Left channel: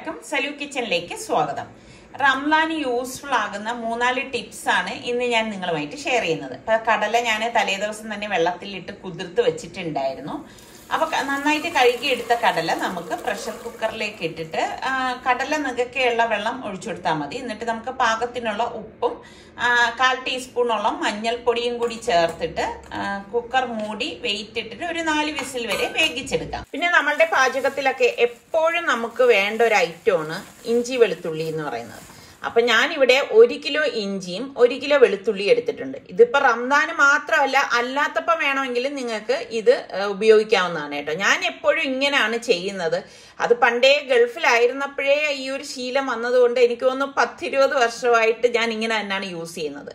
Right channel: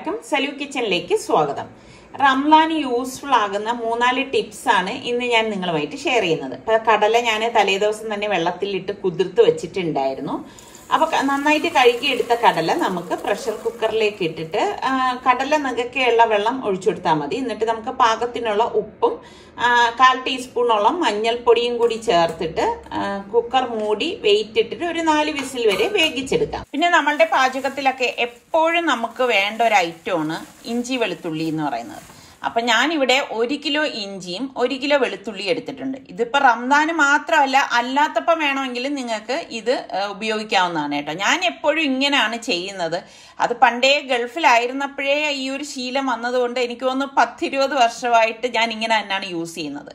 എല്ലാവർക്കും സലു കിച്ചണിലേക്ക് സ്വാഗതം. റംലാൻ യൂസ്ഫുൾ ആകുന്ന 3-4 ടിപ്സ് ആണ് ഇന്ന് ഞാൻ നിങ്ങളുമായിട്ട് ഷെയർ ചെയ്യുന്നത്. ഇപ്പൊ കടല ഞാൻ തലേദിവസം തന്നെ വെള്ളത്തിലിട്ട് കുതിർത്ത് വെച്ചിട്ടുണ്ടായിരുന്നു. അപ്പൊ നന്നായിട്ട് കഴുകിയെടുത്ത കടല നമുക്ക് പ്രഷർ കുക്കറിലേക്ക് ഇട്ടിട്ട് കടല നകക്കെയുള്ള വെള്ളം ഒഴിച്ചെടുത്താൽ മതി. എന്നിട്ട് നമുക്ക് പാകത്തിനുള്ള ഉപ്പും 1/4 ടീസ്പൂണോളം മഞ്ഞൾപ്പൊടിയും കൂടി ചേർത്തിട്ട് കുക്കർ മൂടി വെയിറ്റ് ഇട്ടിട്ട് ഒരു 4 വിസിൽ വരെ വേവിച്ചെടുക്കാം. പിന്നെ നമ്മളുടെ പാചകത്തിലൊക്കെ എപ്പോഴും നമുക്ക് വേണ്ട ഒരു ഐറ്റമാണ് ഇഞ്ചി വെളുത്തുള്ളി എന്ന് പറയുന്നത്. അപ്പൊ ഞാനിവിടെ 1 കിലോ ഇഞ്ചിയും 1 കിലോ വെളുത്തുള്ളി എടുത്തിട്ടുണ്ട്. ഇതിപ്പോ റംദാന് മാത്രമല്ല, അല്ലാത്തപ്പം വേണമെങ്കിലും നിങ്ങൾക്ക് ഇത് ഉപയോഗിക്കാവുന്നതാണ് കേട്ടോ. ഞാൻ എപ്പോഴും ഇങ്ങനെയാണ് ചെയ്യുന്നത്. അത് പണ്ടേ ഗൾഫിലായിരുന്നപ്പോഴേ ഈ ഒരു ശീലം വന്നതുകൊണ്ട് എനിക്ക് തോന്നുന്നു 10-20 വർഷമായിട്ട് ഞാൻ ഇങ്ങനെ തന്നെയാണ് യൂസ് ചെയ്യുന്നത്.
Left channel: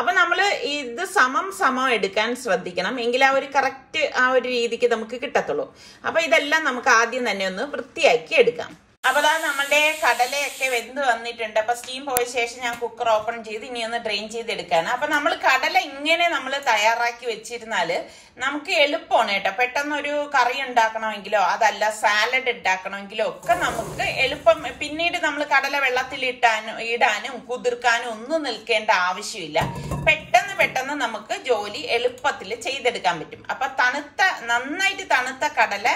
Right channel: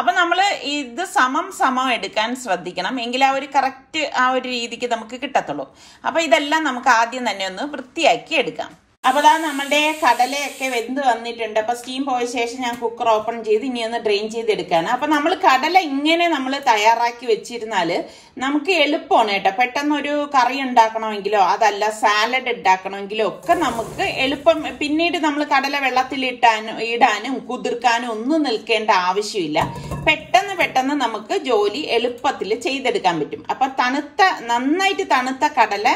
അപ്പൊ നമ്മള് ഇത് സമം എടുക്കാൻ ശ്രദ്ധിക്കണം, എങ്കിൽ ആ ഒരു കറക്റ്റ് ആ ഒരു രീതിക്ക് നമുക്ക് കിട്ടത്തുള്ളൂ. അപ്പൊ ഇതെല്ലാം നമുക്ക് ആദ്യം തന്നെ ഒന്ന് വൃത്തിയാക്കി എടുക്കാം. അപ്പൊ ദാ നമ്മളുടെ കടലയൊക്കെ വെന്ത് വന്നിട്ടുണ്ട്. അപ്പൊ സ്റ്റീം പോയ ശേഷം ഞാൻ കുക്കർ ഓപ്പൺ ചെയ്ത് ഇനി ഒന്ന് ഡ്രെയിൻ ചെയ്തെടുക്കാൻ. അപ്പൊ നമ്മൾ കടല ഇങ്ങനെ നമ്മൾ തയ്യാറാക്കി വെച്ചിരുന്നാല് നമുക്ക് എളുപ്പമാണ് കേട്ടോ. പെട്ടെന്നൊരു കറി ഉണ്ടാക്കണമെങ്കിലോ അതല്ല സാലഡ് ഉണ്ടാക്കണമെങ്കിലോ ഒക്കെ നമുക്ക് എളുപ്പം. പിന്നീട് നമ്മൾ കടല വെള്ളത്തിൽ ഇടാനും കുതിർക്കാനും ഒന്നും നിൽക്കേണ്ട ആവശ്യമില്ല. പെട്ടെന്ന് നമുക്ക് ജോലി എളുപ്പത്തിൽ ചെയ്തെടുക്കാൻ പറ്റും. അപ്പൊ നന്നായിട്ട് തണുത്ത കടല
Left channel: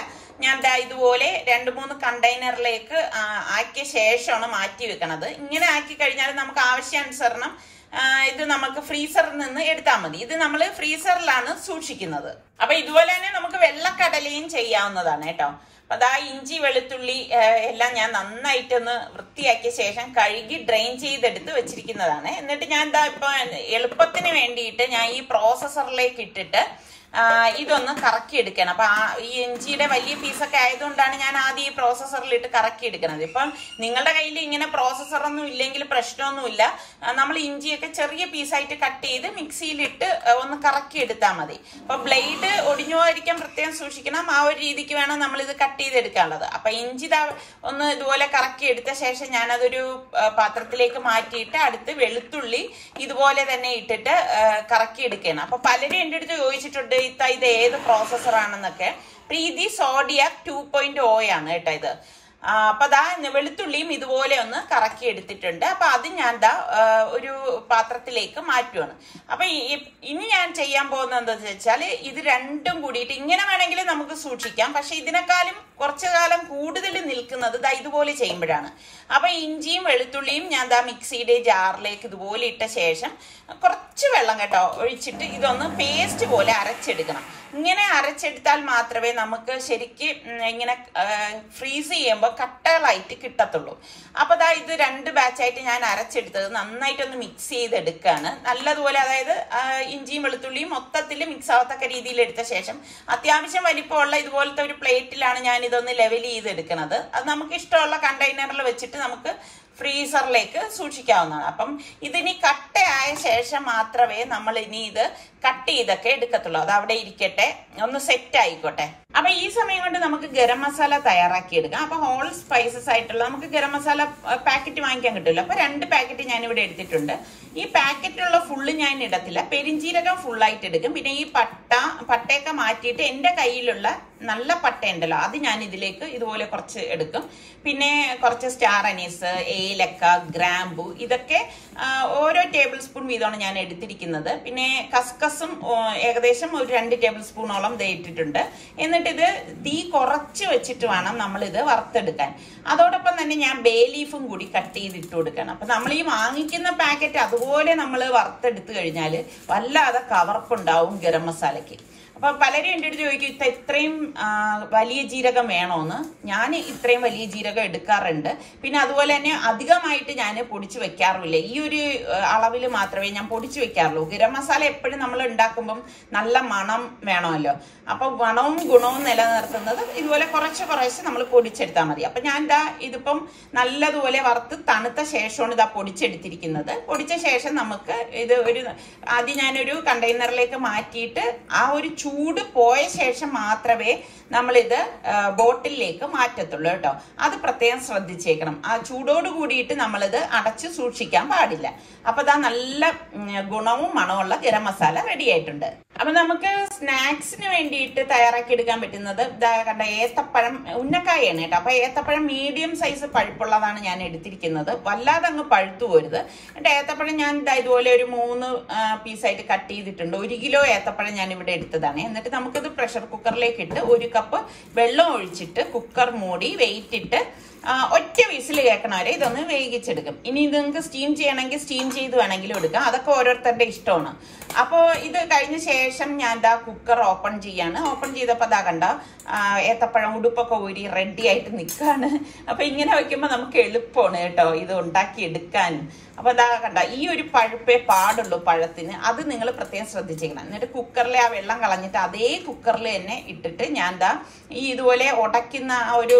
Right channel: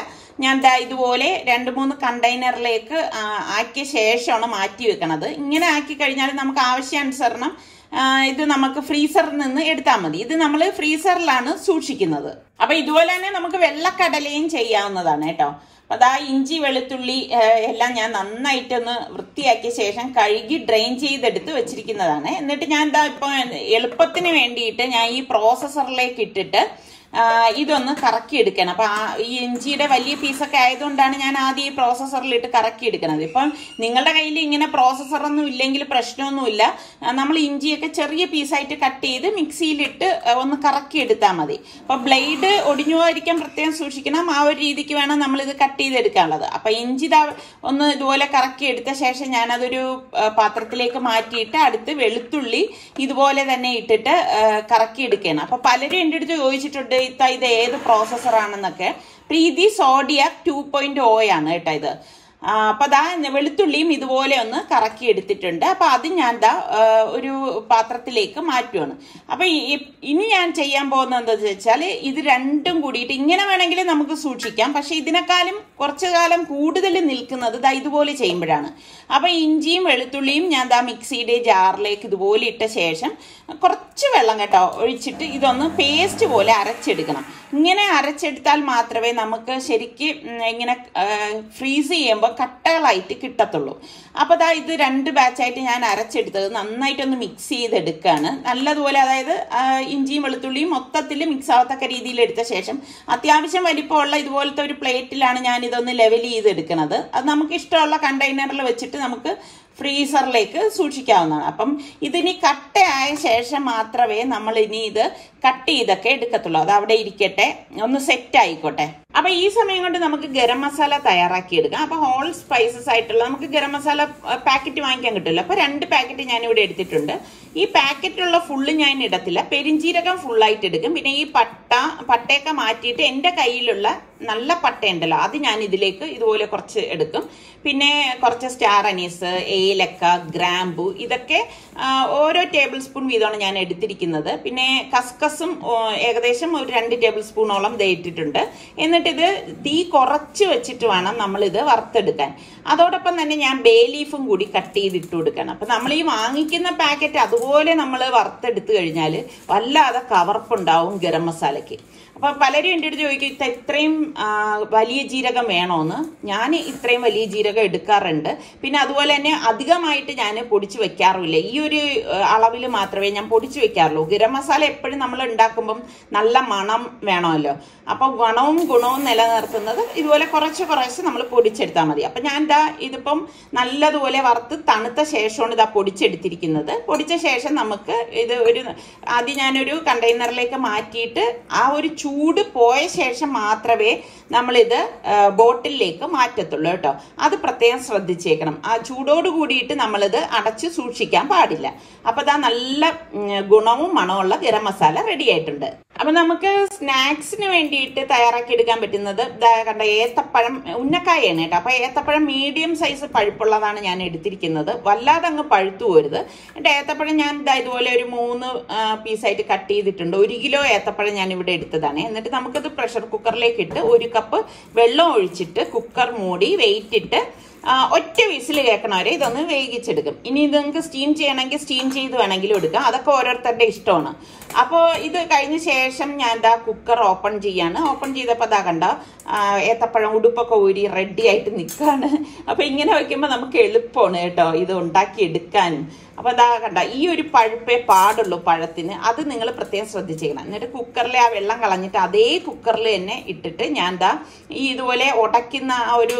ഞാൻ ഇതുപോലെ 2-3 കണ്ടെയ്നറിലേക്ക് ആക്കിയ ശേഷമാണ് മാറ്റി വെക്കണത്. ഇങ്ങനെ ആക്കി കഴിഞ്ഞാൽ നമുക്ക് ആവശ്യാനുസരണം ഇത് നമുക്ക് ഫ്രീസറിൽ നിന്ന് എടുത്താൽ മതി. ഇത് നമ്മൾ ഫ്രീസറിലാണ് സൂക്ഷിക്കുന്നത്. അപ്പൊ ഇതുപോലെ തന്നെ നമുക്ക് വെള്ളക്കടലയും ചെയ്യാവുന്നതാണ് കേട്ടോ. അപ്പൊ അതാ ഇഞ്ചി വെളുത്തുള്ളി എല്ലാം ഞാൻ നന്നായിട്ടൊന്ന് വൃത്തിയാക്കിയ ശേഷം കഴുകി ഡ്രെയിൻ ചെയ്തെടുത്ത് വെച്ചിരിക്കുന്നതാണ്. എന്നിട്ട് ഞാൻ എന്താ ഇപ്പൊ എളുപ്പത്തിന് വേണ്ടിയിട്ട് ഞാൻ ഈ പ്രോസസറിലേക്ക് ഇട്ടിട്ട് ഇതൊന്ന് കറക്കി എടുക്കണം. അപ്പൊ ഈ ഇഞ്ചിയുടെ വലിയ പീസൊക്കെ ആയതുകൊണ്ടാണ് ഞാൻ ആദ്യം ഈ പ്രോസസറിലിട്ട് കറക്കി എടുക്കുന്നത്. ഇപ്പം നിങ്ങളുടെ കയ്യിൽ ഇങ്ങനെ പ്രോസസറൊന്നും ഇല്ലെങ്കിൽ പ്രശ്നമൊന്നുമില്ല. നമ്മൾ ഇഞ്ചിയൊക്കെ ചെറിയ പീസായിട്ട് കട്ട് ചെയ്ത് മിക്സിയിലിട്ട് ഒന്ന് കറക്കി എടുത്താൽ മതി. അപ്പൊ ബ്ലേഡ് ഒടിഞ്ഞു പോകാതിരിക്കാൻ പ്രത്യേകം സൂക്ഷിക്കണം. ആ ഒരു രീതിക്ക് വേണം നമ്മൾ ഇത് കട്ട് ചെയ്തെടുക്കാനുള്ളത്. അപ്പൊ ഇഞ്ചി ഒന്ന് ഇതുപോലെ കറക്കി എടുത്ത ശേഷം ഞാനതൊരു പാത്രത്തിലേക്ക് മാറ്റിയിട്ട് അടുത്ത് വെളുത്തുള്ളി ഇതുപോലെ തന്നെ ഇട്ടിട്ട് കറക്കി എടുക്കണം. അപ്പൊ പലരും എൻ്റെ അടുത്ത് ചോദിച്ചിട്ടുണ്ട് ഇത് ഏത് പ്രോസസർ ആണെന്നൊക്കെ. പ്രീതി സോഡിയാക് 2.0 ആണ് കേട്ടോ ഇത്. അപ്പൊ ദാ വെളുത്തുള്ളിയും ഇതുപോലെ ഒന്ന് കറക്കി എടുത്തിട്ടുണ്ട്. അപ്പൊ അത് ഞാൻ ഒരു പാത്രത്തിലേക്ക് മാറ്റുവാണ്. അപ്പൊ ഇനി ഞാൻ ചെയ്യാൻ പോകുന്നത് എന്താന്ന് വെച്ചാൽ ഇത് രണ്ടും കൂടിയിട്ട് ഇങ്ങനെ വേണമെങ്കിൽ നമുക്ക് സൂക്ഷിക്കാം. പക്ഷെ ഇതിനേക്കാളും കുറച്ചു കാലം കൂടുതൽ നിൽക്കുന്നത് ഇതുപോലെ ചെയ്യുമ്പോഴാണ്. അപ്പൊ ഇഞ്ചിയും വെളുത്തുള്ളിയും ഞാൻ മിക്സിയുടെ ജാറിലേക്ക് ഇതുപോലെ ഇട്ട ശേഷം കുറച്ച് വെള്ളം കേട്ടോ ഒഴിച്ചിട്ട് ഇതൊന്ന് പേസ്റ്റ് പോലെ അരച്ചെടുക്കണം. ഇങ്ങനെ അരച്ചെടുത്താൽ മാത്രമേ നമുക്ക് ശരിക്കും ഇങ്ങനെ ഫ്രീസ് ചെയ്യുമ്പോൾ കട്ടകളായിട്ട് കിട്ടത്തുള്ളൂ. അപ്പൊ ഇത് 2 ബാച്ചായിട്ട് ഞാൻ അരച്ചെടുത്തത് നന്നായിട്ടൊന്ന് മിക്സ് ചെയ്തെടുക്കാണ്. നല്ലതുപോലെ, അതായത് ഇഞ്ചിയും വെളുത്തുള്ളിയും മൊത്തത്തിൽ മിക്സ് ആവത്തക്ക രീതിയിൽ എടുത്ത ശേഷം അത്യാവശ്യം വലിപ്പമുള്ള ഇതുപോലത്തെ ഒരു പ്ലേറ്റിലാണ് ഞാൻ ഇതൊന്ന് ലെവൽ ചെയ്തെടുക്കുന്നത്. അത് നമുക്ക് ഇഷ്ടമുള്ള കണ്ടെയ്നറിൽ വെച്ചിട്ട് നമുക്ക് ഫ്രീസറിലേക്ക് സൂക്ഷിക്കാവുന്നതാണ്. അപ്പം ഇതിനി കട്ടയായ ശേഷം മാത്രമേ നമ്മൾ ഇനി ഇത് കട്ട് ചെയ്തൊക്കെ എടുക്കത്തുള്ളൂ. അത് അവിടെ ഇരിക്കട്ടെ, ഒന്ന് സെറ്റ് ആയിക്കോട്ടെ. അപ്പൊ ഈ സമയം കൊണ്ട് നമുക്ക് ഗരം മസാല തയ്യാറാക്കി എടുക്കാം. അപ്പൊ ഹോൾ സ്പൈസസ് ആയിട്ടുള്ള നമുക്ക് ഗരം മസാല പാക്കറ്റ് വാങ്ങിക്കാൻ കിട്ടില്ല. അപ്പൊ 2 പാക്കറ്റ് ഞാൻ ഇവിടെ എടുത്തിട്ടുണ്ട്. ഈ പാക്കറ്റിലുള്ള ഫുള്ള് ഞാൻ ഇടത്തില്ല, പെരിഞ്ചീരകം ഫുള്ളായിട്ട് എടുക്കും. പിന്നെ ഈ പട്ടയൊക്കെ മാറ്റിയിട്ട് എന്റെ കയ്യിലുള്ള നല്ല പട്ട ഉണ്ടല്ലോ അത് ഞാൻ ഇതിലേക്ക് ഇതുപോലെ കുറച്ച് എടുക്കും. പിന്നെ കുറച്ച് സ്റ്റാർ അനീസ്, ഏലക്ക, ഗ്രാമ്പു ഇതൊക്കെ ഓരോ ടേബിൾ സ്പൂൺ വീതമാണ് ഞാൻ എടുത്തിരിക്കുന്നത്. പിന്നെ കസ്കസും ഏകദേശം ഒരു 2 ടേബിൾ സ്പൂണോളം ഇട്ടിട്ടുണ്ട്. എന്നിട്ട് ഇത് തീ കുറച്ച് വെച്ചിട്ട് വേണം നമ്മൾ ഇത് വറുത്തെടുക്കാൻ. അതോടൊപ്പം തന്നെ ഞാൻ ബേ ലീഫും കൂടി കട്ട് ചെയ്തിട്ട് കൊടുക്കണം. അപ്പൊ നമ്മൾ ഈ വാങ്ങിക്കുന്ന പാക്കറ്റ് അതുപോലെ നമ്മൾ വറുത്തെടുത്തു കഴിഞ്ഞാൽ വല്ലാതെ കവർപ്പുണ്ടാവും ഗരം മസാലയ്ക്ക്. അപ്പൊ പലരും എൻ്റെ അടുത്ത് ചോദിക്കും ഇത്രയും വലിയ ജീരകം വേണോന്ന്. ഞാൻ ഇത്രയും വലിയ ജീരകം എടുക്കാറുണ്ട്. പിന്നെ അതുപോലെ തന്നെ അധികമായിട്ട് ഞാൻ പൊടിച്ചു വെക്കാറില്ല. ഈ ഒരു അളവിൽ മാത്രമേ ഞാൻ പൊടിച്ചു വെക്കാറുള്ളൂ. ഗരം മസാല എപ്പോഴും നമ്മൾ ഉണ്ടാക്കുമ്പം നല്ല മണം വേണമല്ലോ. അപ്പൊ മണവും ഗുണവും നിലനിർത്തുന്നത് ഇതുപോലെ കുറച്ച് നമ്മൾ പൊടിച്ചെടുത്താൽ മതി. അപ്പൊ ഞാൻ ഇതിപ്പം നല്ലതുപോലെ വറുത്ത് തണുത്ത ശേഷമാണ് പൊടിച്ചെടുത്തിരിക്കുന്നത്. പൊടിച്ച ശേഷം നമുക്ക് ഇത് ആദ്യം ഞാനൊരു കണ്ടെയ്നറിലേക്ക് മാറ്റിയിട്ട് ആ ഒരു ചൂട് പോയ ശേഷം മാത്രമേ നമ്മളിത് ബോട്ടിലേക്ക് മാറ്റത്തുള്ളൂ കേട്ടോ. അത് പ്രത്യേകം ശ്രദ്ധിച്ചേക്കണം. ആ ചൂടോട് കൂടിയിട്ട് നമ്മളിത് അടച്ചു സൂക്ഷിക്കാൻ പാടില്ല. അപ്പൊ നല്ല ഗുണവും മണമുള്ള ഗരം മസാല റെഡി ആയിട്ടുണ്ട്. അപ്പൊ നമുക്ക് സ്നാക്സിന് വേണ്ടിയിട്ട് തയ്യാറാക്കി എടുക്കാൻ പറ്റുന്നത് കണ്ട ഏത്തപ്പഴം ഉന്നക്കായാണ് കേട്ടോ. അപ്പൊ ഏത്തപ്പഴം മീഡിയം സൈസ് പഴുപ്പുള്ളതാണ് ഞാൻ എടുത്തിരിക്കുന്നത്. വല്ലാതെ അങ്ങ് പഴുത്തു പോരുത്. എന്നിട്ട് ഏത്തപ്പഴം ഞാൻ ഇതുപോലെ ഒരു 3 പീസായിട്ട് കട്ട് ചെയ്തിട്ടുണ്ട്. 1 കിലോ ഏത്തപ്പഴം ഞാൻ ഇവിടെ എടുത്തതാണ്. എന്നിട്ട് നമുക്കത് പ്രഷർ കുക്കറിലേക്ക് ഇട്ട് 1 കപ്പ് വെള്ളം ഒഴിച്ചിട്ട് കുക്കർ മൂടി വെയിറ്റ് ഇട്ട് ഒറ്റ വിസിൽ കേൾക്കണവരെ ഇതൊന്ന് വേവിച്ചെടുക്കും. ഇനി ഇത് നിങ്ങൾക്ക് സ്റ്റീം ചെയ്യണമെങ്കിൽ സ്റ്റീം ചെയ്ത് വേണമെങ്കിലും എടുക്കാം. അതൊക്കെ ഓരോരുത്തരുടെ ഇഷ്ടമാണ്. അപ്പോൾ ഇത് കഴിഞ്ഞ ശേഷം ഞാൻ കുക്കർ ഓപ്പൺ ചെയ്യാണ്. ഓപ്പൺ ചെയ്തപ്പോൾ കണ്ട ഏത്തപ്പഴം ഉടുപ്പൊക്കെ ഊരി റെഡി ആയിട്ട് നിൽക്കുകയാണ്. അപ്പൊ ഇങ്ങനെ വെക്കുമ്പോൾ നമുക്ക് എളുപ്പമാണ് കേട്ടോ ഇത് ഉണ്ടാക്കി എടുക്കാൻ. അപ്പൊ കണ്ട ഈ ഒരു പഴുപ്പേ പാടുള്ളൂ പഴത്തിന്. അത് നിങ്ങൾ പ്രത്യേകം ശ്രദ്ധിച്ചേക്കണം. എന്നിട്ട് കുക്കറിലെ ആ വെള്ളം കളഞ്ഞിട്ട് അതേ കുക്കറിൽ തന്നെ ഇട്ടിട്ട് ഞാൻ ഈ ഇതുപോലെ ഉടയ്ക്കുന്ന ആ ഒരു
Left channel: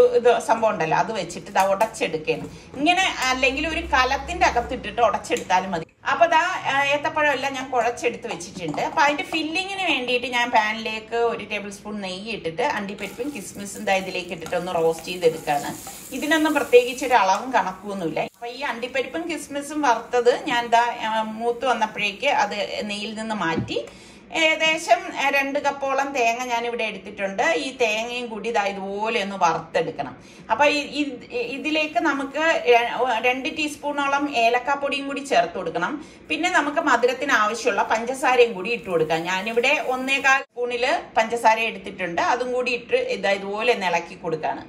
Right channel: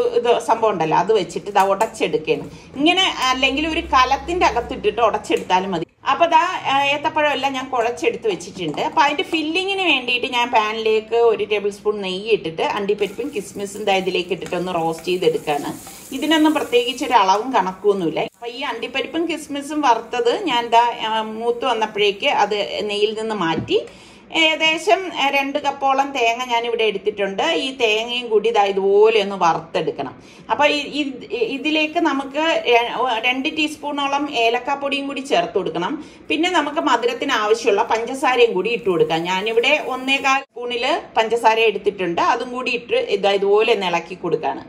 സംഭവം ഉണ്ടല്ലോ അത് വെച്ചിട്ട് ഉടച്ചെടുക്കുകയാണ്. ഇങ്ങനെ അല്ലെങ്കിൽ ഒരു കലത്തിന്റെ അകത്തിട്ടിട്ട് ഉടച്ചെടുത്താലും മതി. അപ്പൊ ഏത്തപ്പഴം എല്ലാം ഞാൻ കുഴച്ചെടുത്ത് വെച്ചിട്ടുണ്ട്. അപ്പൊ അതിന്റെ ഫില്ലിങ്ങിന് വേണ്ടിയിട്ട് ഞാൻ പാനിലേക്ക് 1 ടേബിൾ സ്പൂൺ നെയ്യ് ഇട്ടിട്ട് അണ്ടിപ്പരിപ്പും കിസ്മിസും ഇതിലേക്ക് ഇട്ടിട്ട് ഒന്ന് റോസ്റ്റ് ചെയ്തെടുക്കാണ്. ഇതിനൊന്നും പ്രത്യേകിച്ച് ഒരു അളവും കണക്കൊന്നുമില്ല. അപ്പൊ ഈ അണ്ടിപ്പരിപ്പും കിസ്മിസും വറുത്തത് ഞാൻ മൂത്ത് വന്നപ്പോഴേക്ക് അത് നെയ്യിൽ നിന്ന് മാറ്റി ഏകദേശം 2 കപ്പോളം തേങ്ങ ഞാൻ ഇവിടെ എടുത്തിട്ടുണ്ട്. ഈ തേങ്ങയും കൂടി ഇതുപോലെ ഒന്ന് വറുത്തെടുക്കണം. അപ്പൊ ഇതിലേക്ക് നമുക്ക് 2 ടീസ്പൂണോളം ഏലക്കാപ്പൊടിയും കൂടി ചേർത്ത് കൊടുക്കണം. പിന്നെ നമുക്ക് മധുരത്തിന് ആവശ്യമുള്ള പഞ്ചസാരയും കൂടി ഇട്ട് കൊടുക്കാം. ഞാനിവിടെ 1.25 സ്പൂണില് പഞ്ചസാര എടുത്തിട്ടുണ്ട്. അതും കൂടി ഇട്ട് ഇതുപോലെ ഒന്ന് ഇളക്കി കൊടുക്കാണ്.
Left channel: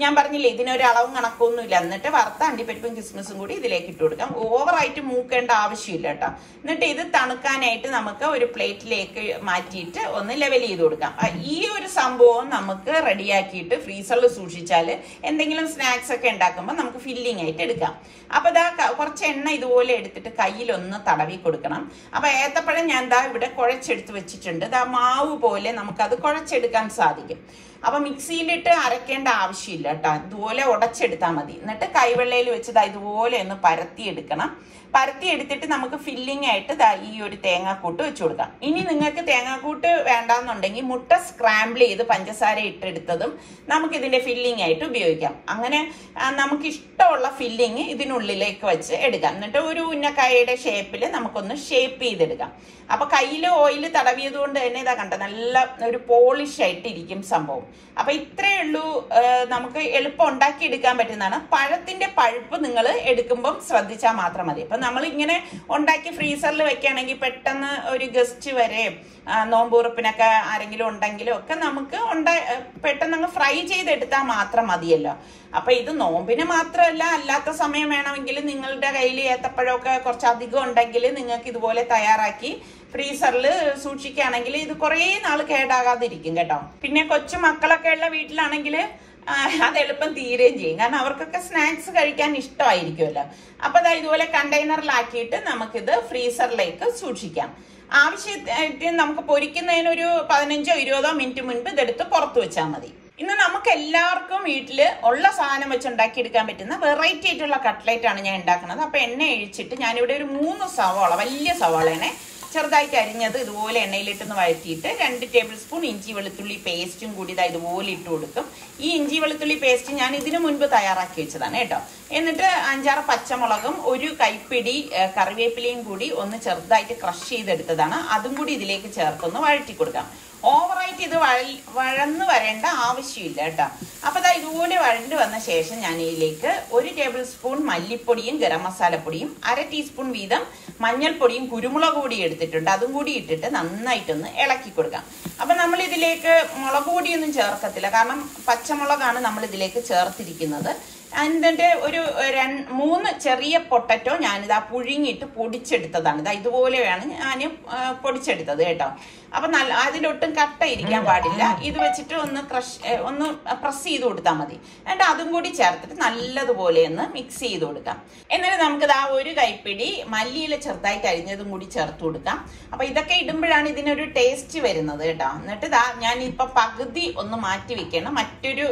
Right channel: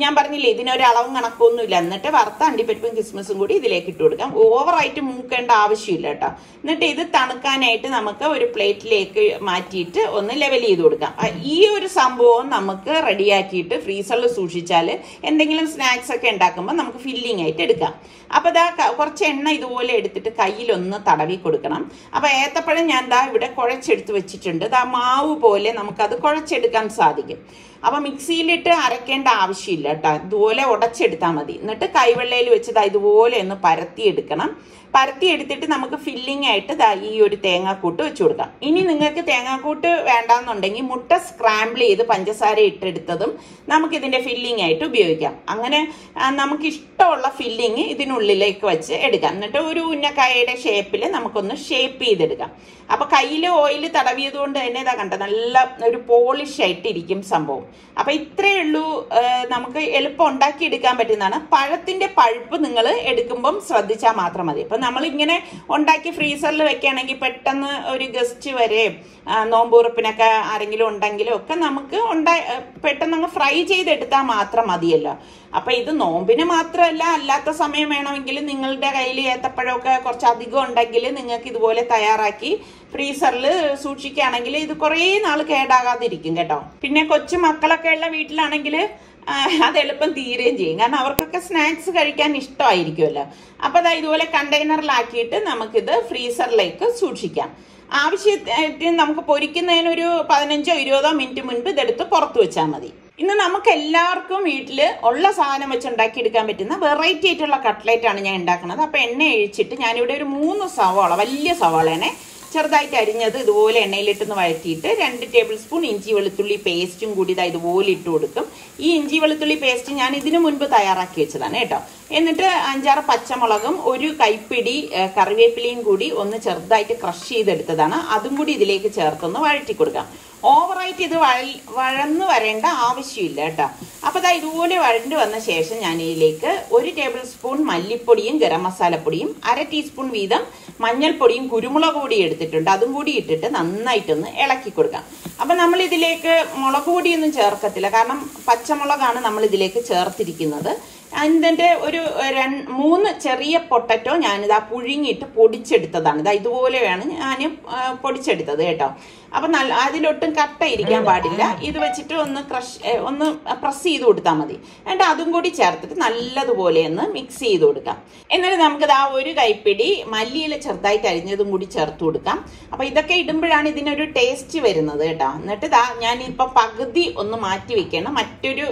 ഞാൻ പറഞ്ഞില്ലേ ഇതിനൊരു അളവും കണക്കൊന്നുമില്ല. എന്നിട്ട് വറുത്ത അണ്ടിപ്പരിപ്പും കിസ്മസും കൂടി ഇതിലേക്ക് ഇട്ട് കൊടുക്കാം. ഓവറായിട്ട് മൂക്കേണ്ട ആവശ്യമില്ല കേട്ടോ. എന്നിട്ട് ഇത് തണുക്കാനായിട്ട് നമുക്ക് ഒരു പ്ലേറ്റിലേക്ക് മാറ്റിയിട്ട് ഒന്ന് ലെവൽ ചെയ്ത് കൊടുക്കാം. ഈ ഒരു സംഭവം നമുക്ക് റെഡിയാക്കിയിട്ട് ഫ്രീസറിൽ സൂക്ഷിച്ചാൽ എന്തെങ്കിലും സ്നാക്സ് ഒക്കെ ഉണ്ടാക്കുമ്പോൾ നമുക്ക് ഫില്ലിംഗ് ആയിട്ട് എടുക്കാം. അപ്പൊ കുറച്ച് എണ്ണ ഇതുപോലെ എടുത്തിട്ട് കയ്യിലൊന്ന് തടവി കൊടുക്കണം. അപ്പൊ ഏത്തപ്പഴം ഞാൻ ഇവിടെ കുഴച്ചെടുത്ത് വെച്ചിട്ടുണ്ട്. മാവ് പോലെ നമുക്കത് കുഴച്ചെടുക്കാൻ സാധിക്കും. അപ്പൊ മിക്സിയിലിട്ട് അരക്കേണ്ട ആവശ്യമില്ല കേട്ടോ. ഇതുപോലെ ഉടച്ചെടുത്താൽ മതി. എന്നിട്ട് കൈവെള്ളയിൽ വെച്ച് ഇതുപോലെ ഒന്ന് പരത്തിയെടുക്കണം. പരത്തിയെടുത്തിട്ട് നമുക്ക് ഫില്ലിംഗ് ആയിട്ട് ഈ ഒരു തേങ്ങാക്കൂട്ട് വെച്ച് കൊടുക്കാം. ഇനി നിങ്ങൾക്ക് തേങ്ങാക്കൂട്ട് വേണ്ടാന്നുണ്ടെങ്കിൽ മുട്ട സ്ക്രാമ്പിൾ ചെയ്ത് പഞ്ചസാര ഇട്ടെടുത്തതും നമുക്ക് ഇതിന്റെ ഫില്ലിംഗ് ആയിട്ട് ഉപയോഗിക്കാം. അങ്ങനെ നമുക്ക് ഇഷ്ടമുള്ള ഫില്ലിംഗ് ഇതിനുള്ളിലേക്ക് വെച്ച് എടുക്കാം. എന്നിട്ട് ഒരു ഉന്നക്കായയുടെ ഷേപ്പിൽ നമുക്കൊന്ന് ഷേപ്പ് ചെയ്തെടുക്കാം. അപ്പൊ കയ്യിൽ ഓയിൽ തടവിയത് കൊണ്ട് തന്നെ കണ്ട നല്ല ഒരു പോളിഷ് ആയിട്ട് ഇരിക്കും സംഭവം. അപ്പൊ ഇത്രയേ ഉള്ളൂ. നമുക്ക് എളുപ്പം ഉണ്ടാക്കി എടുക്കാൻ പറ്റുന്നതാണ്. പഴത്തിന്റെ പഴുപ്പ് നിങ്ങൾ എടുക്കുമ്പം ശ്രദ്ധിച്ചാൽ മാത്രം മതി. അപ്പൊ നമ്മൾ ഇങ്ങനെ ഉണ്ടാക്കി ഫ്രീസറിൽ വെക്കുകയാണെങ്കിൽ പെട്ടെന്ന് ഒരു ഗസ്റ്റ് വരെ നോമ്പുറപ്പിനൊക്കെ ആരെങ്കിലും ഉണ്ടെങ്കിലും ഒക്കെ നമുക്ക് പെട്ടെന്ന് അങ്ങ് ഫ്രൈ ചെയ്തെടുത്താൽ മാത്രം മതിയല്ലോ. അപ്പൊ ഇത് നോമ്പിന് മാത്രമല്ല, അല്ലാത്ത സമയം വേണമെങ്കിൽ നിങ്ങളുടെ കയ്യിൽ ഏത്തപ്പഴമൊക്കെ കുറച്ചധികം ഉണ്ടെങ്കിൽ നിങ്ങൾക്ക് ഇതുപോലെ തയ്യാറാക്കി ഫ്രീസറിൽ സൂക്ഷിക്കുകയാണെങ്കിൽ ഇത് കുറേ നാൾ കേടാകാതിരിക്കും കേട്ടോ. പിന്നെ കൊച്ചു മക്കളൊക്കെ ഉള്ള വീട്ടിലാണെങ്കിൽ അത് എളുപ്പം തീരുകയും ചെയ്യും. കാരണം അവർക്കൊക്കെ സ്നാക്സ് കഴിക്കാൻ ഇഷ്ടമായിരിക്കുമല്ലോ. അപ്പൊ ഇതുപോലെ കണ്ടെയ്നറിലാക്കിയിട്ട് നമുക്കിത് ഫ്രീസറിലേക്ക് സൂക്ഷിക്കാം. ആവശ്യത്തിന് നമുക്ക് പൊരിക്കുന്നതിനൊരു 15-20 മിനിറ്റ് മുൻപ് ഇതെടുത്ത് പുറത്തു വെച്ചാൽ മതി. ഇന്ന് നമുക്ക് എല്ലാവർക്കും വീട്ടിൽ ഉള്ള സാധനം വെച്ച് ഉണ്ടാക്കിയെടുക്കാൻ പറ്റുന്ന വെറൈറ്റി ആയിട്ടുള്ള കട്ട്ലേറ്റ് ആണ് ഞാൻ ഉണ്ടാക്കുന്നത്. അപ്പൊ എണ്ണ ഒഴിച്ചിട്ട് ഞാനിവിടെ ഒരു 3 സവാള, വലിയ സവാളേനെ ചെറുതായിട്ട് അരിഞ്ഞത് ഇതുപോലെ എണ്ണയിലിട്ടൊന്ന് വഴറ്റിയിട്ട് 2 ടേബിൾ സ്പൂൺ ഇഞ്ചി വെളുത്തുള്ളി പേസ്റ്റും കൂടി ഇതുപോലെ ഇട്ട് കൊടുക്കും. ഈ ഇഞ്ചി വെളുത്തുള്ളി പേസ്റ്റ് ഞാൻ ഇതിനു മുൻപ് തയ്യാറാക്കി വെച്ചതാണ് കേട്ടോ. എന്നിട്ട് 5-6 പച്ചമുളകും 1 കൈപ്പിടി കറിവേപ്പിലയും കൂടി ഒന്ന് ചെറുതായിട്ട് ക്രഷ് ചെയ്തെടുത്തതാണ്. അതും കൂടി ഇതിലേക്ക് ചേർത്തൊന്ന് വഴറ്റി കൊടുക്കാം. ഓവറായിട്ട് ഇത് വഴന്ന് വരേണ്ട ആവശ്യമില്ല കേട്ടോ. അപ്പൊ ഇതുപോലെ വഴണ്ട് വന്ന ശേഷം ഞാൻ ഇതിലേക്ക് 1 ടേബിൾ സ്പൂൺ മല്ലിപ്പൊടിയും ഗരം മസാലപ്പൊടിയും 1/2 ടീസ്പൂൺ വീതം മഞ്ഞൾപ്പൊടിയും കുരുമുളക് പൊടിയും എടുത്തിട്ടുണ്ട്. അതും കൂടി ഇട്ടിട്ട് നന്നായിട്ടൊന്ന് ഇളക്കി കൊടുക്കാം. അപ്പൊ നമ്മൾ ഇതിലേക്ക് മുളക് പൊടിയൊന്നും ചേർക്കത്തില്ല. കാരണം പച്ചമുളകാണ് നമ്മൾ ഇതിലേക്ക് ചേർത്തിരിക്കുന്നത്. അതിന്റെ ഒരു 3 ചെറിയ പൊട്ടറ്റോ ഞാനിതാ പുഴുങ്ങിയിട്ട് പൊടിച്ചെടുത്തതാണ്. ഇതുപോലെയാണ് ഞാൻ പൊടിച്ചെടുത്തത് കേട്ടോ. അപ്പൊ അതിലൊട്ടും കട്ട ഇരിക്കാൻ പാടില്ല. ഇത് വെച്ചിട്ട് ഒന്ന് പ്രസ് ചെയ്ത് കൊടുത്താൽ മതി. എന്നിട്ട് അതും കൂടി ചേർത്തിട്ട് നല്ലതുപോലെ ഒന്ന് മിക്സ് ചെയ്ത് കൊടുക്കാം. എന്നിട്ട് നമുക്ക് 1 കൈപ്പിടി മല്ലിയില ചെറുതായിട്ട് അരിഞ്ഞതും കൂടി ചേർത്ത് കൊടുക്കാം. അപ്പൊ ഇതൊക്കെ ഇടുമ്പോഴാണ് ഇതിനൊരു ടേസ്റ്റ് വരുന്നത് കേട്ടോ. എന്നിട്ട് ഞാനിപ്പോ പകുതി ഒന്ന് മാറ്റി വെക്കണം മറ്റൊരു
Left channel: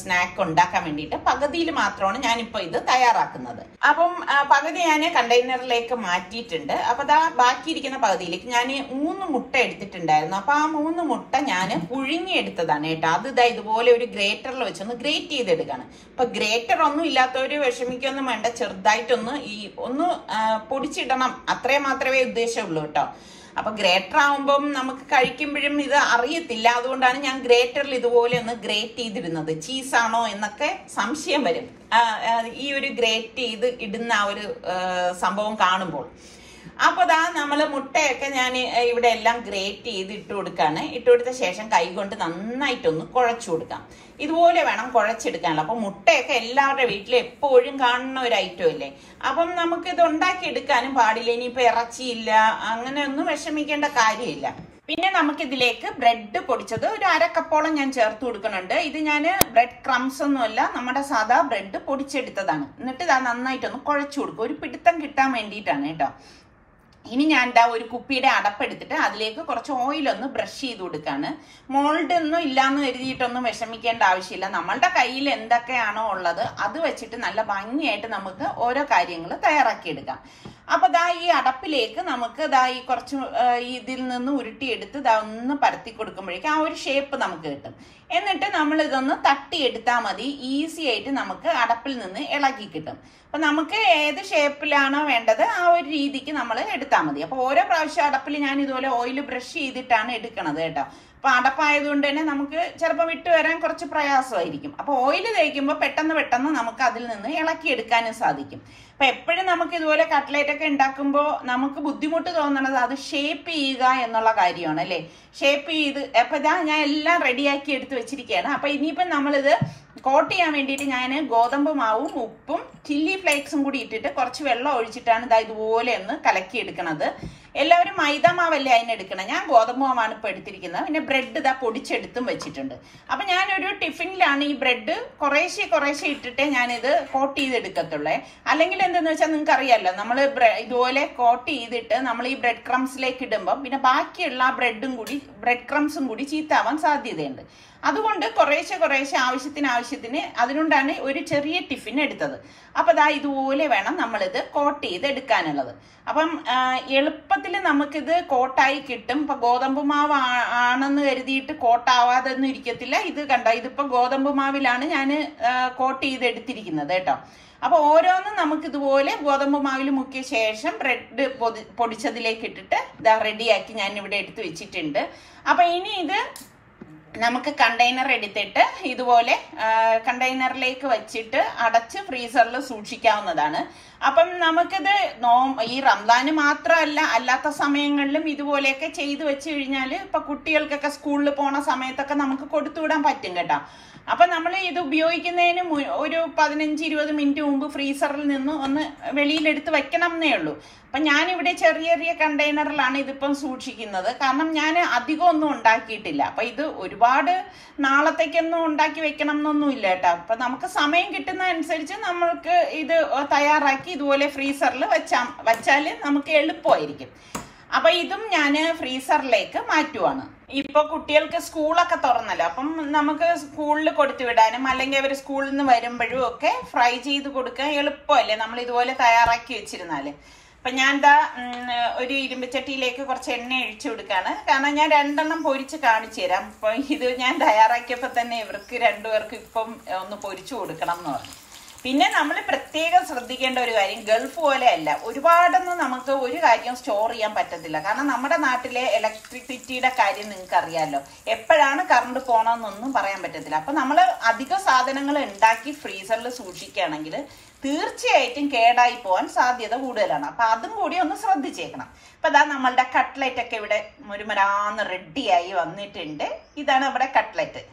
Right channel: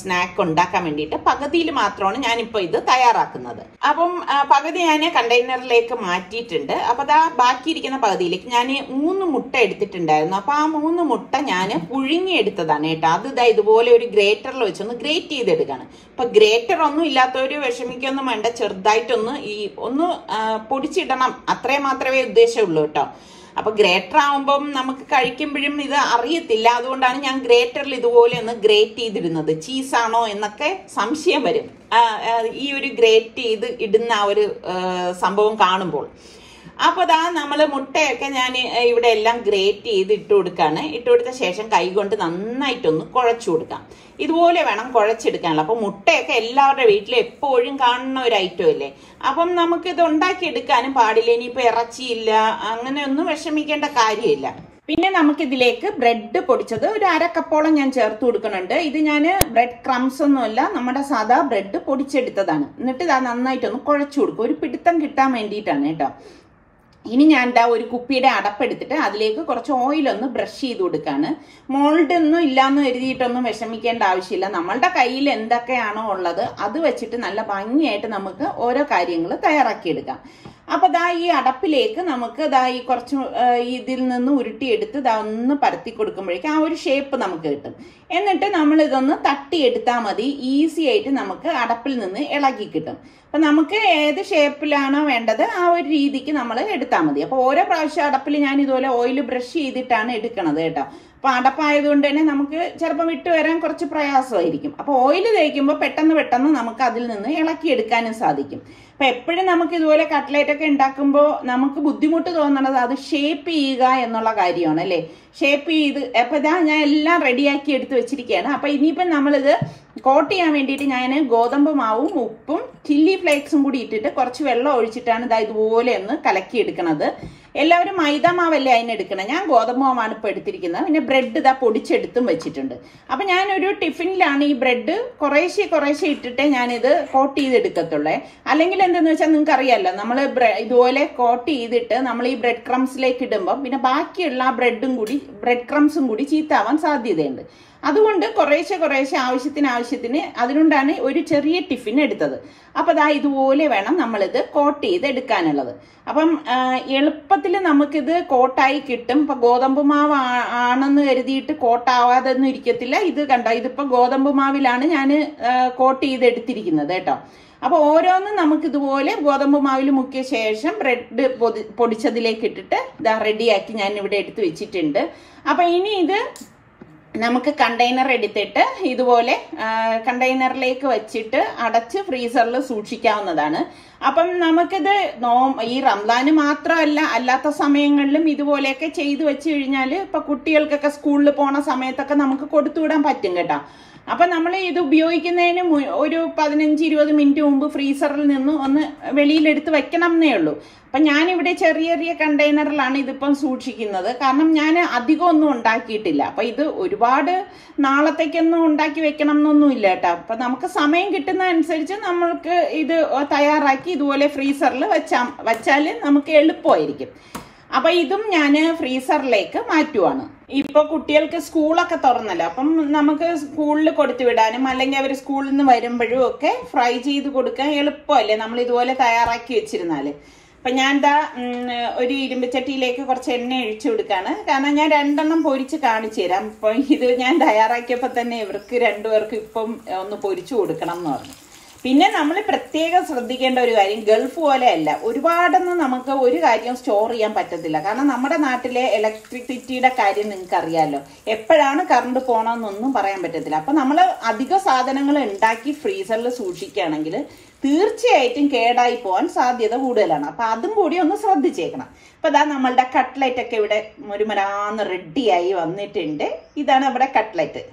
സ്നാക്ക് ഉണ്ടാക്കാൻ വേണ്ടിയിട്ട്. പകുതിയിൽ മാത്രമാണ് ഞാനിപ്പോ ഇത് തയ്യാറാക്കുന്നത്. അപ്പം പകുതി ഞാൻ കണ്ടെയ്നറിലേക്ക് മാറ്റിയിട്ടുണ്ട്. അപ്പൊ ബാക്കിയിരിക്കുന്ന പകുതിയിലേക്ക് ഞാൻ 3 മുട്ട എടുത്തിട്ടുണ്ടായിരുന്നു. അപ്പൊ ആ 3 മുട്ട ഞാൻ പുഴുങ്ങി എടുത്തതാണ് കേട്ടോ. അത് ഇതുപോലെ ഒരു ഗ്രേറ്ററിൽ വെച്ചൊന്ന് ഗ്രേറ്റ് ചെയ്തെടുക്കാണ്. അപ്പൊ ഗ്രേറ്റർ ഒന്നും ഇല്ലാത്തവര് വിഷമിക്കൊന്നും വേണ്ട. ചെറുതായിട്ടൊന്ന് ഒന്ന് പൊടിച്ചിടണം, അത്രേ മാത്രമേ ഉദ്ദേശമുള്ളൂ കേട്ടോ. അപ്പൊ ഗ്രേറ്റർ ആവുമ്പം നമുക്ക് കഴിക്കുമ്പോഴും ഇത് അറിയത്തില്ല. അതുകൊണ്ടാണ് ഞാൻ ഗ്രേറ്ററിൽ ഇതുപോലെ ഒന്ന് ഗ്രേറ്റ് ചെയ്തിടുന്നത്. ചീസാണോ എന്നൊക്കെ സംശയം വരും ഈ ഒരു ഗ്രേറ്റ് ചെയ്ത് ഇടുന്ന ആ ഒരു സംഭവം കാണുമ്പോൾ. അപ്പൊ ദാ നമ്മള് മുട്ടയൊക്കെ ഞാൻ ഇവിടെ എല്ലാം ഗ്രേറ്റ് ചെയ്ത് ഇട്ട് കൊടുക്കാണ്. ഇട്ട് കൊടുത്ത ശേഷം കൈകൊണ്ട് നന്നായിട്ടൊന്ന് കുഴച്ചു കൊടുക്കാം. ഇതുപോലെ വേണം കുഴച്ചെടുക്കാനുള്ള. അപ്പൊ മുട്ടയൊക്കെ എല്ലാവരുടെ വീട്ടിലും എപ്പോഴും കാണുന്ന ഒരു ഐറ്റം അല്ലേ. അപ്പം നമുക്ക് ഇത് ഉണ്ടാക്കിയെടുക്കാനും പാടില്ല. ഇനിയിപ്പോ ഇറച്ചിയില്ല അങ്ങനെ ഒന്നും വിഷമിക്കേണ്ട കാര്യമില്ല. പിന്നെ നമുക്ക് ഇതിലേക്ക് ബ്രെഡ് പൊടിച്ചത് ഒരു 1/2 കപ്പോളം ഞാൻ ചേർത്ത് കൊടുക്കുന്നുണ്ട്. ഇത് ഞാൻ ബ്രെഡ് ക്രംസ് ഒന്നുമല്ല, നമ്മുടെ സാധാ ബ്രെഡ് പൊടിച്ചെടുത്തതാണ്. എന്നിട്ട് ഇത് നന്നായിട്ടൊന്ന് കുഴച്ചു കൊടുക്കും, ഒരു പിടുത്തം കിട്ടാൻ വേണ്ടിയിട്ടാണ് കേട്ടോ. ഇനി ഞാൻ എന്താ ഒരു കുപ്പിയുടെ അടപ്പെടുത്തിട്ട് അതിലേക്ക് കുറച്ച് ഓയിലൊന്ന് ബ്രഷ് ചെയ്ത് കൊടുക്കാണ്. മോൾഡ് ഒന്നും ഇല്ലാന്ന് കരുതിയിട്ടൊന്നും വിഷമിക്കേണ്ട ആവശ്യമില്ല. നമ്മളുടെ കയ്യിൽ എന്തൊക്കെയാണോ ഉള്ളത് അത് വെച്ചിട്ട് നല്ല ഭംഗിയായിട്ട് നമുക്ക് ഓരോ കാര്യങ്ങൾ തയ്യാറാക്കിയെടുക്കാം. അപ്പൊ ദാ ഈ അടപ്പിലേക്ക് നമുക്ക് ദാ ഈ കുറച്ച് ഇതിൽ നിന്ന് ഉരുട്ടിയെടുത്ത് ദാ ഒന്ന് പരത്തി കൊടുക്കുമ്പോഴേക്കും ആ ഒരു ഷേപ്പ് നമുക്ക് കിട്ടും. എന്നിട്ട് നമ്മൾ ഇതൊന്ന് തട്ടിയെടുത്താൽ മതി. ഈസി ആയിട്ട് നമുക്ക് അടപ്പിൽ നിന്ന് ഇളകി കിട്ടും. അപ്പൊ നമുക്ക് ഏത് ഷേപ്പിലാണോ വേണ്ടത് ആ ഒരു രീതിക്ക് നമ്മൾ എടുത്താൽ മതി. അപ്പൊ ഓരോ പ്രാവശ്യം അടപ്പിൽ ഞാൻ ഇതുപോലെ ഓയിൽ ബ്രഷ് ചെയ്തിട്ടാണ് എടുക്കണത് കേട്ടോ. അപ്പൊ അടപ്പായതുകൊണ്ട് തന്നെ നമുക്ക് ചിലപ്പോൾ വിട്ടു വരാൻ കുറച്ച് പ്രയാസമായിരിക്കും. അപ്പൊ ഓയിൽ തേക്കുമ്പോൾ പെട്ടെന്ന് നമുക്ക് അതിൽ നിന്ന് ഇളക്കിയെടുക്കാനും സാധിക്കും. അപ്പൊ എപ്പോഴും നമുക്ക് ഇതുപോലെ കട്ട്ലേറ്റ് ഒക്കെ ഉണ്ടാക്കുമ്പോൾ നമുക്ക് ബുദ്ധിമുട്ട് തോന്നണത് അത് ഷേപ്പ് ചെയ്യുക എന്നുള്ള കാര്യമാണ് അല്ലെ. ഷേപ്പ് ചെയ്ത് അപ്പൊ ഇതാ ഞാൻ എല്ലാം റെഡിയാക്കി എടുത്ത് വെച്ചിരിക്കുകയാണ്. അപ്പൊ ഇനിയിപ്പം നമ്മളിത് കോട്ട് ചെയ്യാൻ വേണ്ടിയിട്ട് ഞാൻ ഗോതമ്പ് മാവും ഉപ്പും ചില്ലി ഫ്ലേക്സും കൂടി ഇട്ടിട്ട് കുറച്ച് വെള്ളം ഒഴിച്ചിട്ടാണ് ഇതാ ഇതുപോലെ ഒന്ന് കലക്കി എടുക്കണത്. എല്ലാവരും മൈദ മാവല്ലേ അതിനെടുക്കണം, ഞാൻ ഗോതമ്പ് മാവാണ് ഇപ്പൊ എടുത്തിരിക്കുന്നത്. പിന്നെ ബ്രെഡ് ഇതാ പൊടിച്ചെടുത്തും വെച്ചിട്ടുണ്ട്. അപ്പൊ ഞാനൊരു ടിഫിനിലാണ് ഈ ബ്രെഡ് കുറേശ്ശെ ഇട്ടിട്ട് ഞാനിത് കോട്ട് ചെയ്തെടുക്കത്തുള്ളേ. അല്ലെങ്കിൽ എന്താന്ന് വെച്ചാൽ നിങ്ങൾക്ക് അറിയാമല്ലോ, നമ്മൾ ഇതുപോലെ കോട്ട് ചെയ്തിട്ട് നമ്മൾ ഈ ബ്രെഡ് ക്രംസിലേക്ക് ഇടുമ്പോൾ പിന്നെ ബാക്കിയുള്ള ആ ബ്രെഡ് ക്രംസും കൂടി ചീത്താവാൻ സാധ്യതയുണ്ട്. അതുകൊണ്ട് കുറേശ്ശെ ആവശ്യത്തിന് അതുകൊണ്ടാണ് ഒരു ചെറിയ ടിഫിൻ എടുത്തത്. അപ്പൊ അതാ ഇതുപോലെ വേണം നമ്മളിത് കോട്ട് ചെയ്ത് എടുക്കാനുള്ളത്. അപ്പം എളുപ്പത്തിൽ നമുക്കിത് കോട്ടായി കിട്ടും. ഇപ്പൊ ഗോതമ്പ് മാവ് ആണെന്ന് കരുതിയിട്ട് കോട്ടാവാതെ ഒന്നും ഇരിക്കത്തില്ല. ഇത് കണ്ടോ, ഇതിപ്പോ ഗോതമ്പ് മാവിലാണ് ഞാൻ കോട്ട് ചെയ്ത് എടുത്തിരിക്കുന്നത് കേട്ടോ. അപ്പൊ ഓരോന്നും നമുക്ക് ഇതുപോലെ ഗോതമ്പ് മാവിൽ മുക്കിയ ശേഷം ബ്രെഡ് പൊടിച്ചതിലേക്ക് ഇട്ടിട്ട് ഇതാ റെഡിയാക്കി ഞാൻ ഇവിടെ എടുത്ത് വെച്ചിട്ടുണ്ട്. അപ്പൊ ഇനി ഇത് നമുക്ക് കണ്ടെയ്നർ എടുത്തിട്ട് ഇതുപോലെ കണ്ടെയ്നറിലേക്ക് വെച്ചിട്ട് അടച്ച് ഫ്രീസറിൽ സൂക്ഷിക്കാവുന്നതാണ്. അപ്പം നമുക്കിത് ഈ റംസാന് മാത്രമല്ല അല്ലാത്ത സമയങ്ങളിലും ഇതുപോലെയൊക്കെ ചെയ്തു വെച്ച് കഴിഞ്ഞാൽ ഇപ്പൊ കുട്ടികൾക്കൊക്കെ സ്കൂളിൽ പോണ സമയത്തൊക്കെ നമുക്ക് കൊടുത്തുവിടാൻ പറ്റും കേട്ടോ. അപ്പൊ നമ്മൾ ഇത് ഉപയോഗിക്കുന്നതിന് ഒരു 15-20 മിനിറ്റ് മുമ്പ് ഫ്രീസറിൽ നിന്ന് ഒന്ന് വെളിയിലെടുത്ത് വെക്കണം എന്നേ ഉള്ളൂ. അപ്പൊ ഞാനിവിടെ ചെറിയ കണ്ടെയ്നറിലാണ് ഇതിപ്പം സൂക്ഷിക്കുന്നത്. കാരണം ഞാൻ അധികം ഒന്നും ഉണ്ടാക്കിയിട്ടില്ല. അപ്പൊ ഇത് ഒരുപാട് നാളത്തേക്കൊന്നും ഉണ്ടാക്കി വെക്കണം എന്നൊന്നും ഇല്ല കേട്ടോ. അപ്പൊ നമുക്ക് സമയം കിട്ടുന്ന അനുസരിച്ച് നമ്മൾക്ക് ഇത് തയ്യാറാക്കി ഇതുപോലെ ഫ്രീസറിൽ വെച്ചാല് നമുക്ക് എളുപ്പമായിരിക്കും. അപ്പൊ ഇതും ഞാൻ ഫ്രീസറിലേക്ക് മാറ്റുവാണ്. ഇപ്പൊ കുട്ടികൾക്ക് സ്കൂളൊക്കെ തുറന്നല്ലോ, അപ്പം നമുക്ക് സ്കൂളിൽ കൊടുത്തു വിടാനും അല്ലെങ്കിൽ അവർ സ്കൂളിൽ നിന്ന് വരുമ്പോഴും ഒക്കെ ഫ്രൈ ചെയ്ത് കൊടുക്കാൻ എളുപ്പമല്ലേ നമ്മൾ ഇതുപോലെ തയ്യാറാക്കി വെച്ചിരുന്നാല്. അപ്പൊ ഞാൻ എന്താ ഒരു ഇരുമ്പച്ചട്ടിയിലേക്ക് കുറച്ച് എണ്ണ ഒഴിച്ചു കൊടുക്കാണ്. കാരണം ഞാൻ 2 എണ്ണം പൊരിച്ച് കാണിച്ചു തരാം. അപ്പൊ ഇത് ഞാൻ തയ്യാറാക്കിയപ്പോ തന്നെ ഇവർക്ക് 2 പേർക്കും ഇപ്പം ഒന്ന് പൊരിച്ചു കൊടുക്കണം എന്ന് പറഞ്ഞു. പിന്നെ നമ്മൾ പ്രത്യേകം ശ്രദ്ധിക്കേണ്ട ഒരു കാര്യം, ഗൾഫ് പോലെയല്ല, ഒരുപാടൊന്നും നമുക്ക് ഒരു കാര്യം സ്റ്റോർ ചെയ്യാൻ പറ്റത്തില്ല. കാരണം നമ്മുടെ നാട്ടിലെ ഇലക്ട്രിസിറ്റിയുടെ കാര്യം നിങ്ങൾക്ക് അറിയാമല്ലോ, എപ്പോഴാണ് കറണ്ട് പോകണമെന്നൊന്നും പറയാൻ പറ്റത്തില്ല. അപ്പൊ നമ്മൾ അധിക സാധനങ്ങൾ ഉണ്ടാക്കി ഫ്രീസറിൽ സൂക്ഷിക്കുകയാണെങ്കിൽ തീർച്ചയായിട്ടും കേടായി പോകാൻ സാധ്യത കൂടുതലാണ്. അപ്പൊ അതും കൂടി ഒന്ന് ശ്രദ്ധിച്ചേക്കണം. അപ്പൊ അതാ നമ്മളുടെ കട്ട്ലറ്റ് ഒക്കെ ഇവിടെ മുരുമരാന്ന് റെഡിയായി വന്നിട്ടുണ്ട്. ഇതാണ് ഇവിടെ കട്ട്ലറ്റ്.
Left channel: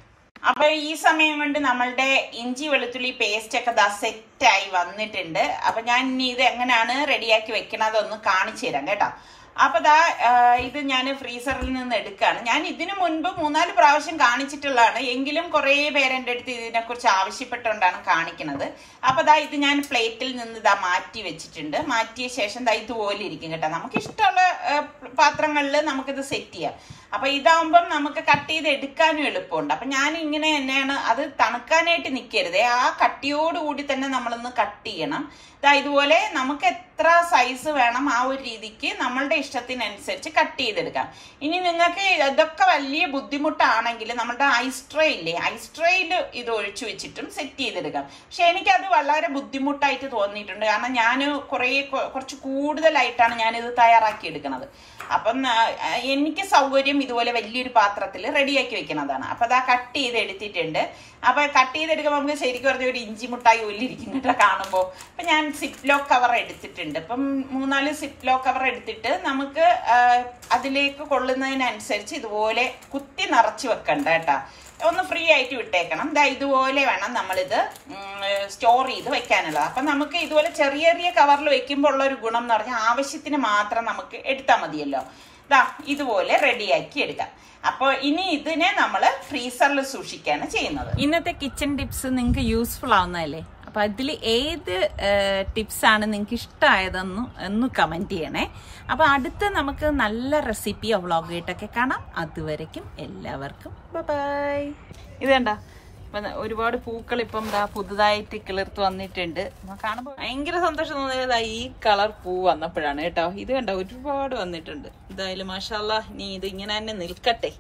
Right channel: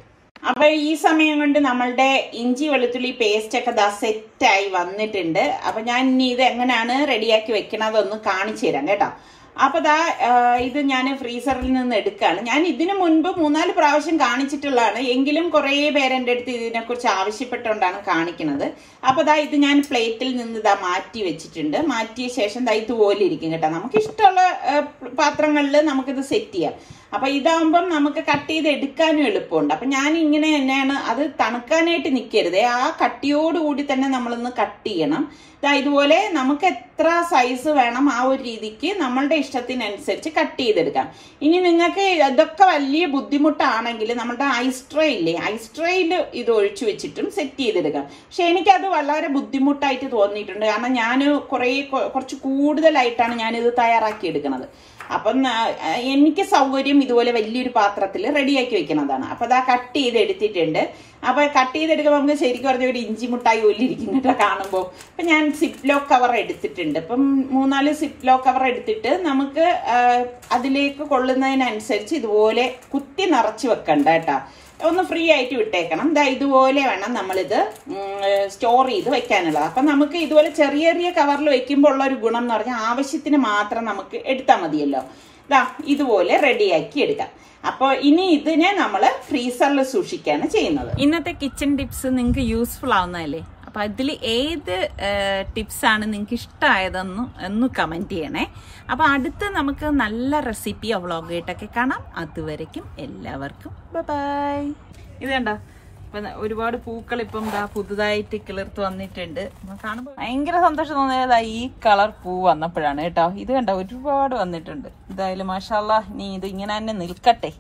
അപ്പൊ ഈ സമയം കൊണ്ട് നമ്മളുടെ ഇഞ്ചി വെളുത്തുള്ളി പേസ്റ്റ് ഒക്കെ ദാ സെറ്റായി വന്നിട്ടുണ്ട്. അപ്പൊ ഞാൻ ഇനി ഇത് എങ്ങനെയാണ് റെഡിയാക്കി വെക്കണതൊന്ന് കാണിച്ചു തരാം കേട്ടോ. അപ്പൊ ദാ ഇത് ഞാൻ ഫ്രീസറിൽ നിന്ന് എടുക്കുകയാണ്. ഞാൻ ഇതിനു മുൻപ് 3-4 പ്രാവശ്യം കാണിച്ചിട്ടുള്ളതാണ്. എങ്കിലും കുറെ പേര് എൻ്റെ അടുത്ത് ഇതിനെ കുറിച്ച് ആവശ്യപ്പെട്ടുകൊണ്ടാണ് കാണിക്കുന്നത്. അപ്പൊ ദാ ഇത് ഞാൻ പ്ലേറ്റിൽ നിന്ന് ഇതാ മാറ്റി വെച്ചിട്ടുണ്ട്. മാറ്റിയ ശേഷം ദാ ഇതുപോലെ ഇരിക്കും കേട്ടോ. നമുക്ക് ഇഷ്ടമുള്ള പാത്രങ്ങളിൽ നമുക്കിത് സെറ്റ് ചെയ്യാം. അപ്പൊ ഇതാവുമ്പം നമുക്ക് കട്ട് ചെയ്ത് എടുക്കാനും എളുപ്പമുണ്ട്. അപ്പൊ ഞാൻ ഇങ്ങനെ തന്നെയാണ്, അത് തണുക്കാനായിട്ട് നിൽക്കരുതേ, ആ കട്ടിയോടുകൂടി തന്നെ നമ്മളൊന്ന് കട്ട് ചെയ്യണം. ഇതുപോലെ നമുക്ക് എത്ര സൈസ് വേണം ആ ഒരു രീതിക്ക് നമ്മളുടെ ഇഷ്ടത്തിനനുസരിച്ച് കട്ട് ചെയ്തെടുക്കാം. ഇനി നിങ്ങൾക്ക് ഇതൊക്കെ വലിയ ബുദ്ധിമുട്ടാണെങ്കിൽ നമ്മുടെ ഐസ് ട്രേ ഇല്ലേ, ഐസ് ട്രേയിൽ ഇത് ഒഴിച്ചു വെച്ചിട്ടും സെറ്റ് ചെയ്തെടുക്കാം. പക്ഷെ എനിക്കത് വളരെ ബുദ്ധിമുട്ടായിട്ട് തോന്നിയിട്ടുണ്ട്. കാരണം ഞാൻ കുറച്ച് കൂടുതലായിട്ടാണ് ഞാനിത് തയ്യാറാക്കി എടുക്കുന്നത്. അപ്പം എനിക്ക് സൗകര്യം ഇതുപോലെ വലിയൊരു പാത്രത്തിൽ റെഡിയാക്കി വെക്കുന്നതാണ്. അപ്പൊ അതാ കട്ട് ചെയ്ത് എടുത്തിട്ടുണ്ട്. അപ്പൊ കട്ട് ചെയ്തെടുക്കുമ്പോൾ നമുക്ക് ശരിക്കും പറഞ്ഞ ഒരു ഇഞ്ചി മുട്ടായി ഒല്ലിരിക്കും കേട്ടോ കാണുമ്പോൾ. അപ്പൊ ഞാൻ സിപ്ലോ കവർ എടുത്തിട്ടുണ്ട്. ഇപ്പം 3-4 സിപ്ലോ കവർ എടുത്തിട്ട് നമുക്ക് അതിലേക്ക് കൊള്ളുന്നതിനനുസരിച്ച് ഇതുപോലെ കുത്തി നിറച്ച് വെക്കണ്ട കേട്ടോ, ഒന്ന് ഫ്രീ ആയിട്ട് വിട്ടേക്കണം. ഇതുപോലെ വേണം നമ്മളിത് സ്റ്റോർ ചെയ്ത് വെക്കാനുള്ളത്. അപ്പൊ നമുക്ക് ഇതുപോലെ ചെറിയ ചെറിയ കവറിൽ വെക്കുമ്പോൾ ഉള്ള ഒരു ഗുണം എന്ന് പറഞ്ഞാൽ ആവശ്യത്തിന് മാത്രം നമുക്ക് എടുത്താൽ മതിയല്ലോ. ഇതുപോലെ റെഡിയാക്കി എടുക്കാം. അപ്പൊ ഇനി ഇതിനെ നമ്മള് ഫ്രീസറിൽ സൂക്ഷിക്കുകയാണ് ചെയ്യുന്നത്. ഇന്നത്തെ കിച്ചൺ ടിപ്സ് നിങ്ങൾക്ക് യൂസ്ഫുൾ ആവുന്നതല്ലേ? അപ്പൊ അതിൽ ഏത് ടിപ്സ് ആണ് നിങ്ങൾക്ക് ഇഷ്ടമായതെന്ന് കമന്റ് ചെയ്യണേ. അപ്പൊ അടുത്ത് നമുക്ക് നല്ല റെസിപ്പിയോ വ്ളോഗ് ആയിട്ടൊക്കെ കാണാം. അതുവരയ്ക്കും എല്ലാവർക്കും ബൈ. ഇത് കണ്ടോ, ഒരുപാട് പൂക്കൾ ഇപ്പം പുതുതായിട്ട് കിളിർത്ത് വന്നിട്ടുണ്ട്. കാണുമ്പോൾ ഭയങ്കര സന്തോഷം തോന്നിയത് ഈ കളർ പൂ വന്നപ്പോഴാണ് കേട്ടോ. ഇത് കണ്ടോ, ഒരുപാട് വന്നിട്ടുണ്ട്. എന്തായാലും മാഷാ അല്ലാഹ്, ഇനി ഇത് ഇങ്ങനെ തന്നെ നിൽക്കട്ടെ.